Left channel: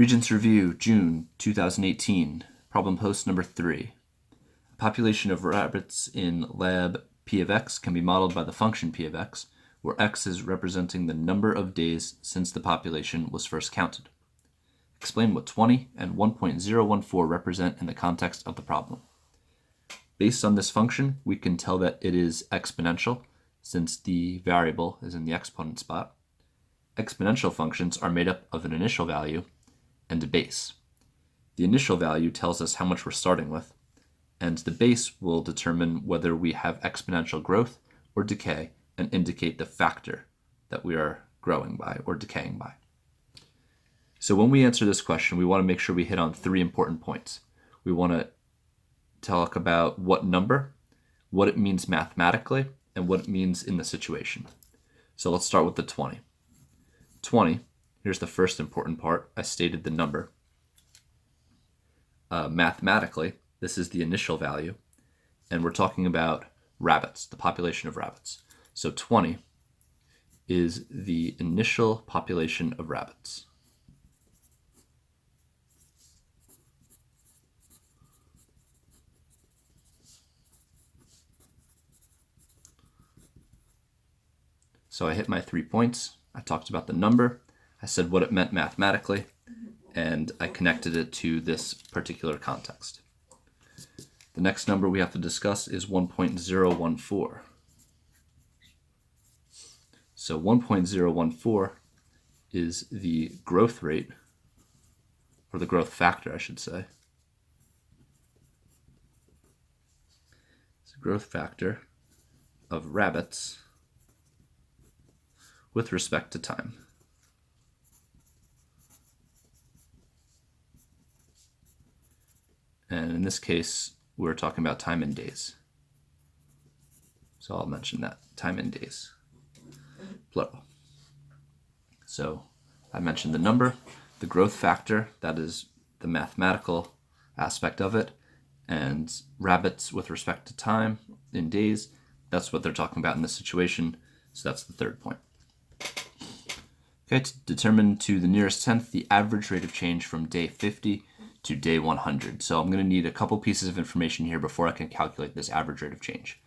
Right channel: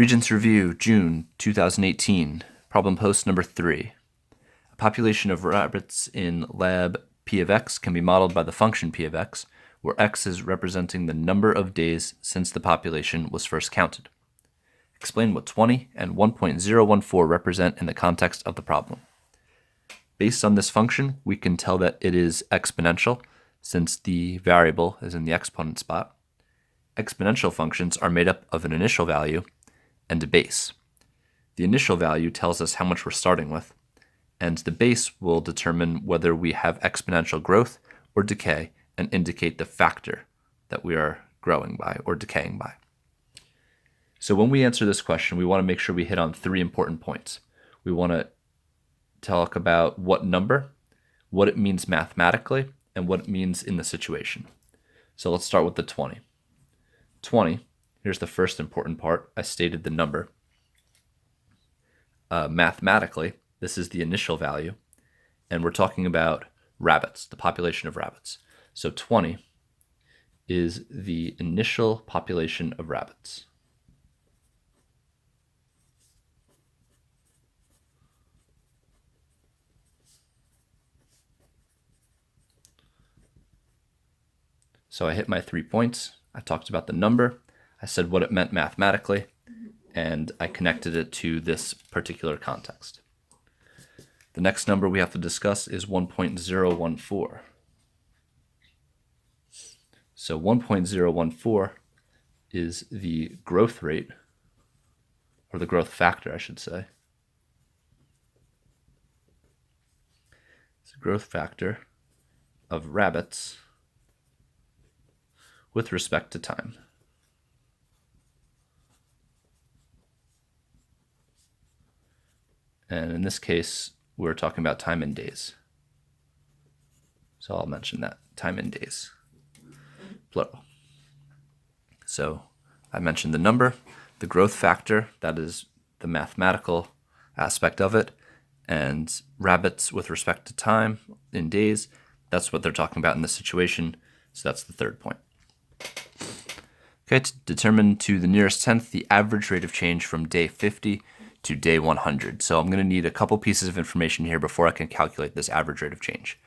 Regents Review, June 2018, problem post number 3. A population of rabbits in lab P of x can be modeled by the function P of x, where x is representing the number of days since the population was first counted. Explain what 20 and 1.014 represent in the context of the problem. Based on this function, we can tell that it is exponential, since the variable is in the exponent spot. Exponential functions are made up of an initial value and a base. The initial value tells us how much we're starting with, and the base will determine whether we have exponential growth or decay and indicate the factor that we are growing by or decaying by. So when we answer this question, we want to make sure we hit on 3 important points. We want to talk about what number, what it means mathematically, and what it means in the situation. So let's start with the 20. 20, here's the first important part. I stated the number. Mathematically, this is the initial value, and we're talking about rabbits, the population of rabbits. So 20 is the initial population of rabbits. So I hit my 3 points. I talked about the number. I said what it meant mathematically, and I connected it to this particular context. The next number we have to discuss is 1.014. So 1.014 is the growth rate, or the growth factor, I should say. It's a growth factor of rabbits with respect to time. And in this case, we're talking about time in days. So I'll mention that, time in days, plural. So I mentioned the number, the growth factor, that is the mathematical aspect of it, and rabbits with respect to time in days, that's what they're talking about in this situation. So that's the 3rd point. Okay, to determine to the nearest tenth the average rate of change from day 50 to day 100. So I'm going to need a couple pieces of information here before I can calculate this average rate of change.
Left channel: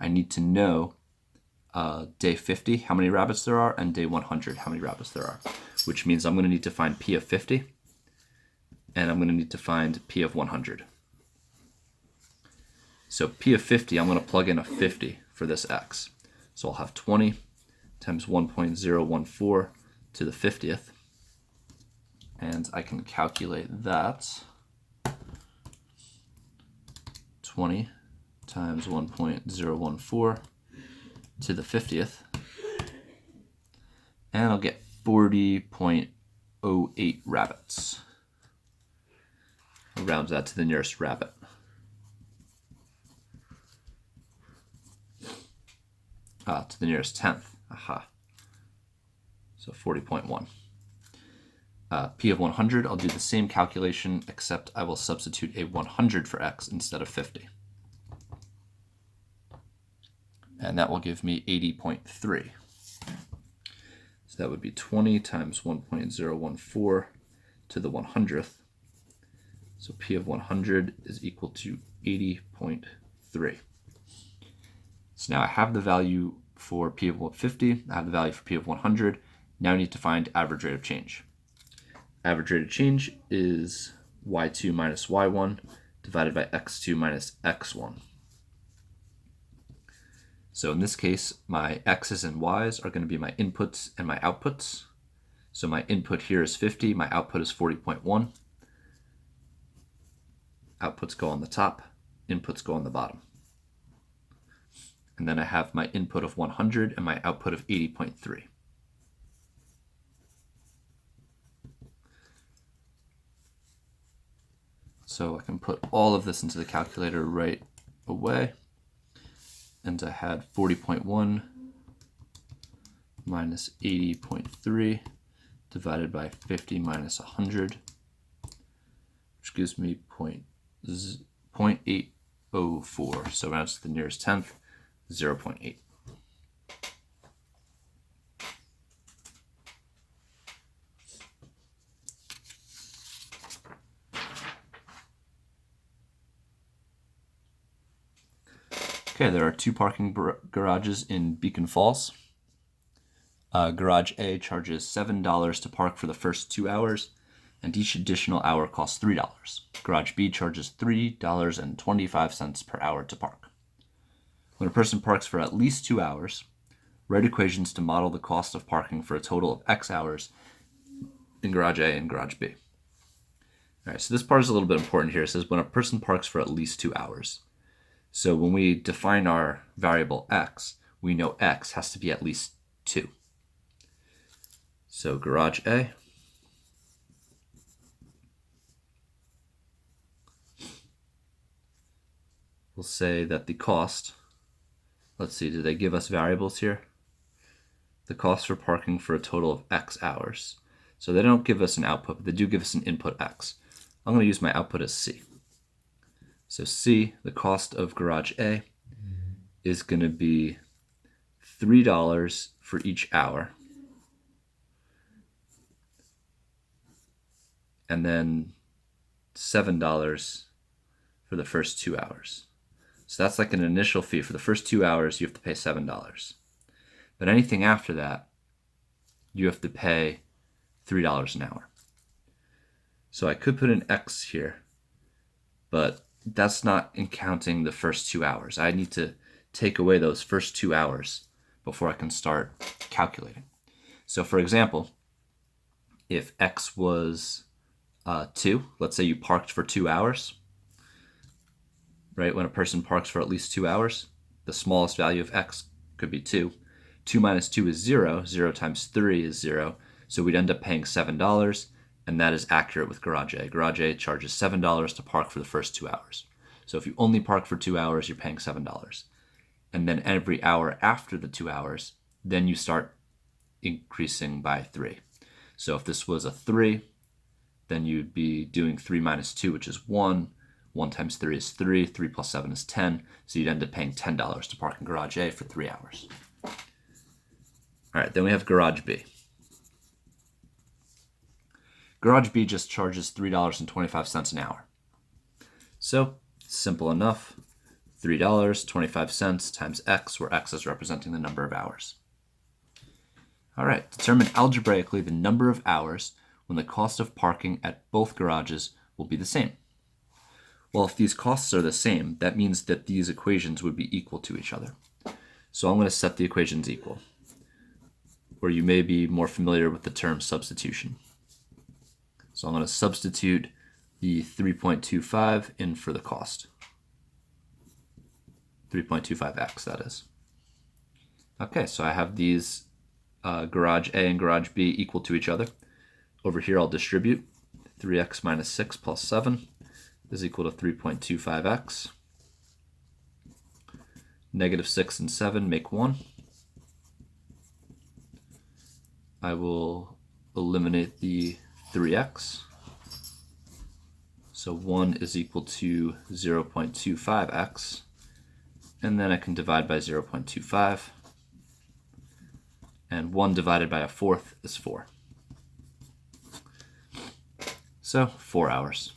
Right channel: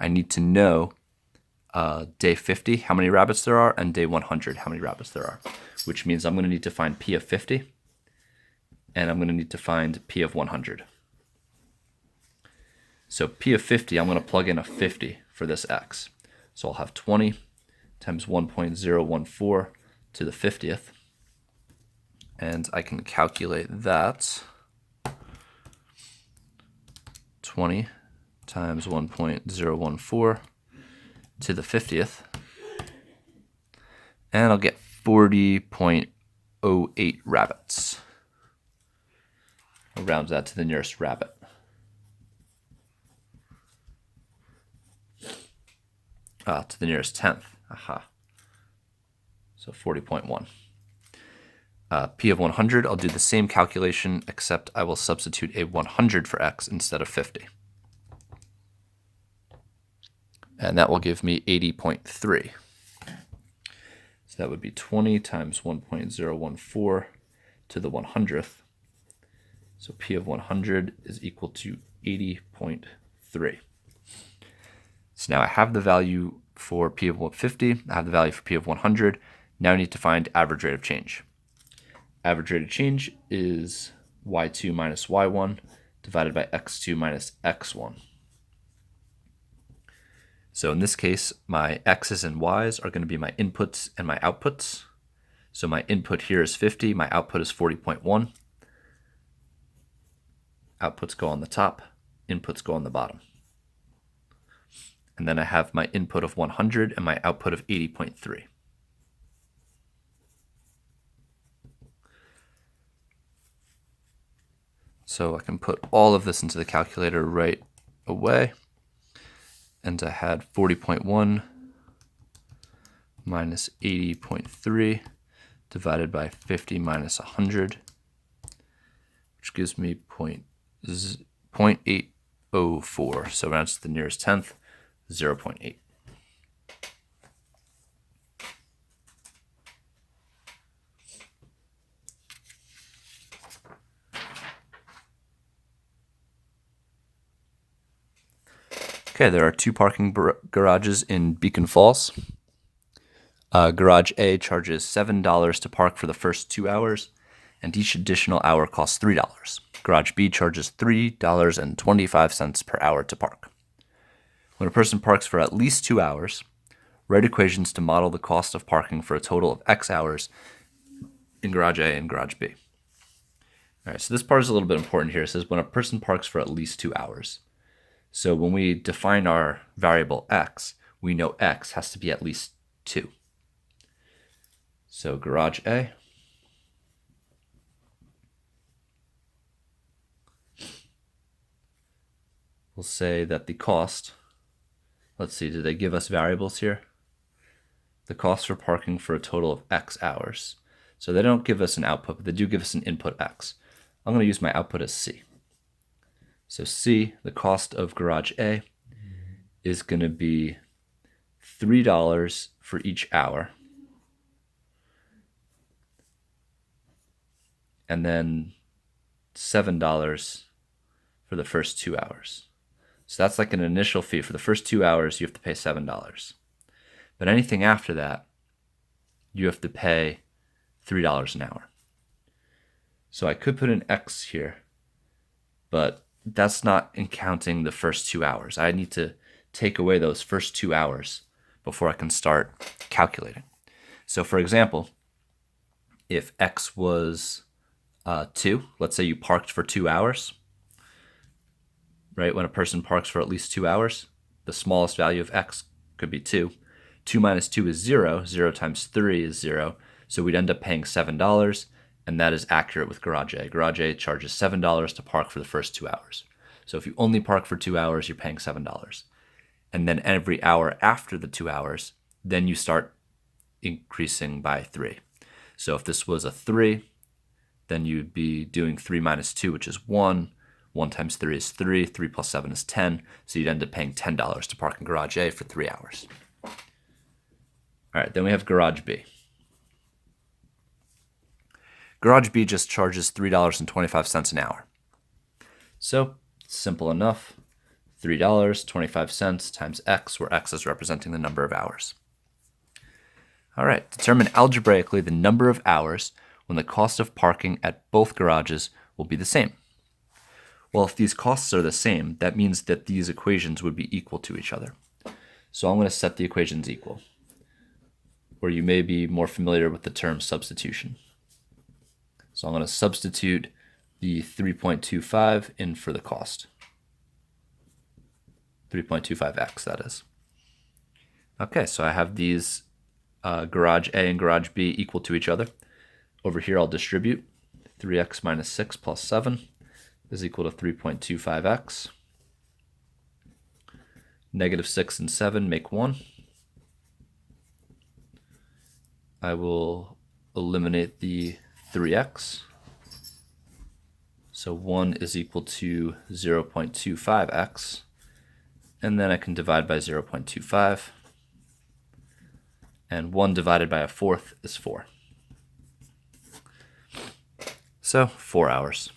I need to know day 50, how many rabbits there are, and day 100, how many rabbits there are, which means I'm going to need to find P of 50, and I'm going to need to find P of 100. So P of 50, I'm going to plug in a 50 for this x. So I'll have 20 times 1.014 to the 50th, and I can calculate that. 20 times 1.014 to the 50th, and I'll get 40.08 rabbits. I'll round that to the nearest rabbit. To the nearest tenth. Aha. So 40.1. P of 100, I'll do the same calculation, except I will substitute a 100 for x instead of 50. And that will give me 80.3. So that would be 20 times 1.014 to the 100th. So P of 100 is equal to 80.3. So now I have the value for P of 50, I have the value for P of 100. Now I need to find average rate of change. Average rate of change is y2 minus y1 divided by x2 minus x1. So in this case, my x's and y's are going to be my inputs and my outputs. So my input here is 50, my output is 40.1. Outputs go on the top, inputs go on the bottom. And then I have my input of 100 and my output of 80.3. So I can put all of this into the calculator right away. And I had 40.1 minus 80.3 divided by 50 minus 100, which gives me 0.804. So rounds to the nearest tenth, 0.8. Okay, there are two parking garages in Beacon Falls. Garage A charges $7 to park for the first 2 hours, and each additional hour costs $3. Garage B charges $3.25 per hour to park. When a person parks for at least 2 hours, write equations to model the cost of parking for a total of X hours in Garage A and Garage B. All right, so this part is a little bit important here. It says when a person parks for at least 2 hours. So when we define our variable X, we know X has to be at least 2. So Garage A will say that the cost, let's see, do they give us variables here? The cost for parking for a total of X hours. So they don't give us an output, but they do give us an input X. I'm going to use my output as C. So C, the cost of Garage A, is going to be $3 for each hour. And then $7 for the first 2 hours. So that's like an initial fee. For the first 2 hours, you have to pay $7. But anything after that, you have to pay $3 an hour. So I could put an X here, but that's not counting the first 2 hours. I need to take away those first 2 hours before I can start calculating. So for example, if X was 2, let's say you parked for 2 hours, right? When a person parks for at least 2 hours, the smallest value of X could be 2. 2 minus 2 is 0. 0 times 3 is 0. So we'd end up paying $7, and that is accurate with Garage A. Garage A charges $7 to park for the first 2 hours. So if you only park for 2 hours, you're paying $7. And then every hour after the 2 hours, then you start increasing by 3. So if this was a 3, then you'd be doing 3 minus 2, which is 1. 1 times 3 is 3. 3 plus 7 is 10. So you'd end up paying $10 to park in Garage A for 3 hours. All right, then we have Garage B. Garage B just charges $3.25 an hour. So simple enough. $3.25 times X, where X is representing the number of hours. All right, determine algebraically the number of hours when the cost of parking at both garages will be the same. Well, if these costs are the same, that means that these equations would be equal to each other. So I'm going to set the equations equal, where you may be more familiar with the term substitution. So I'm going to substitute the 3.25 in for the cost. 3.25x, that is. Okay, so I have these Garage A and Garage B equal to each other. Over here, I'll distribute. 3x minus 6 plus 7 is equal to 3.25x. Negative 6 and 7 make 1. I will eliminate the 3x. So 1 is equal to 0.25x. And then I can divide by 0.25. And 1 divided by a fourth is 4. So 4 hours.